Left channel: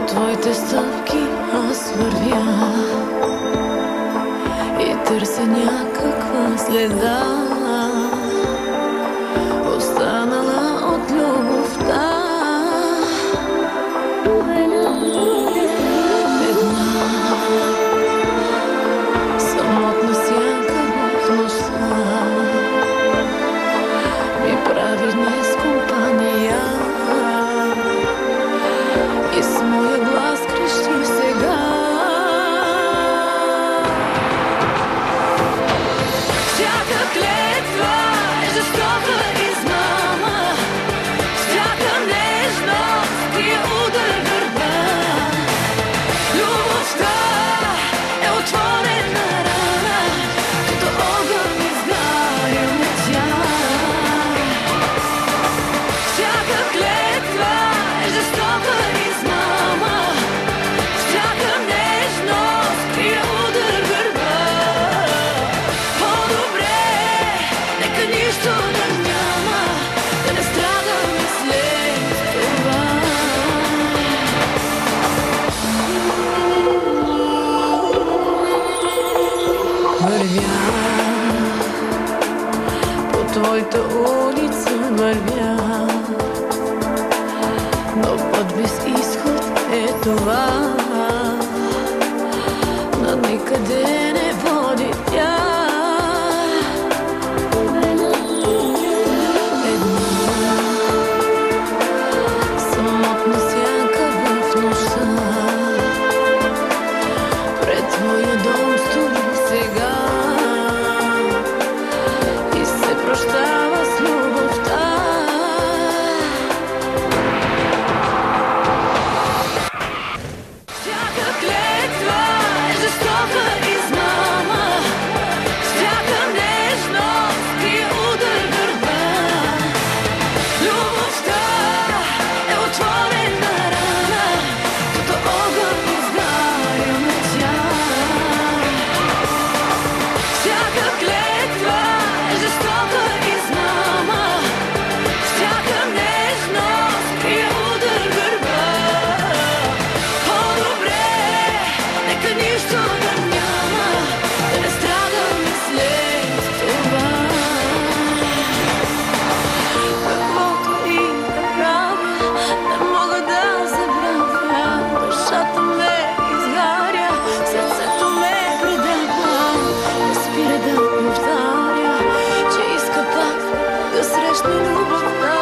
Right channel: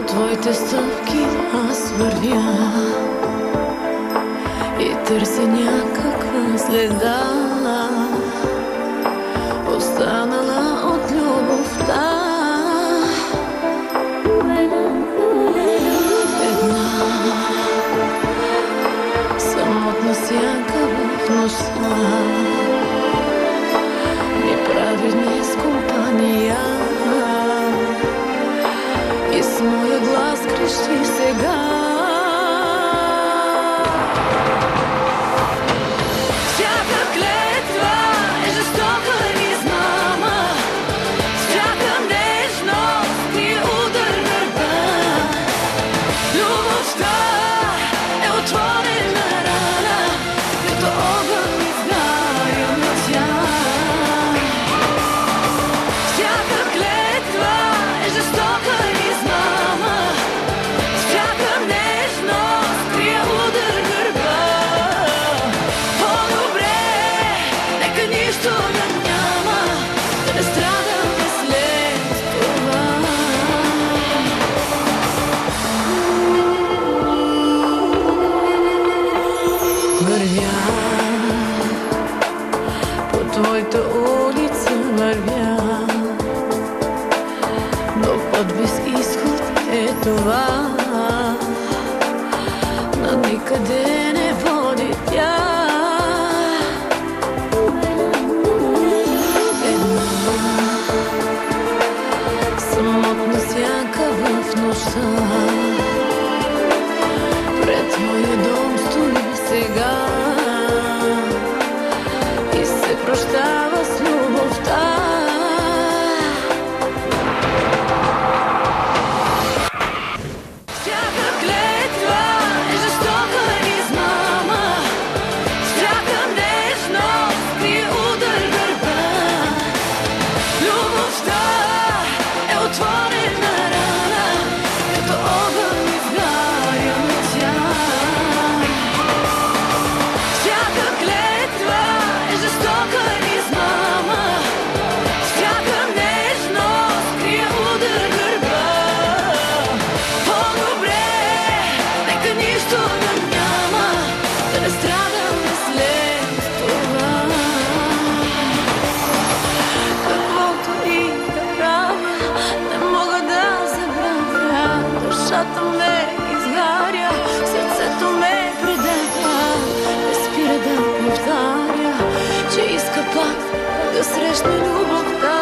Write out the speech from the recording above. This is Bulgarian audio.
По твоите стъпки аз вървя и търся някаква следа, останала от любовта. Една самотна сянка в нощта ми прави днес компания и с моя глас крещи сега. Всяка клетва е жестока измама, всяка нежност ти е удар гърба. Любовта е отворена рана, като огън изгаряме тя. Всяка клетва е жестока измама, всяка нежност ти е удар гърба. По-добре, нека нищо да няма, да не страдаме след това. Вървя по твоята улица, вървя, но път без изход е това. На никъде не води тя. Една самотна сянка в нощта пред твоя дом стои сега и се прощава с любовта. Всяка клетва е жестока измама, всяка нежност ти е удар гърба. Любовта е отворена рана, като огън изгаряме тя. Всяка клетва е жестока измама, всяка нежност ти е удар гърба. По-добре, нека нищо да няма, да не страдаме след това. Каквото и да правя, не мога да забравя. Душата ме изгаря, сърцето ме предава. Не спира да повтаря, че иска пак да срещне любовта.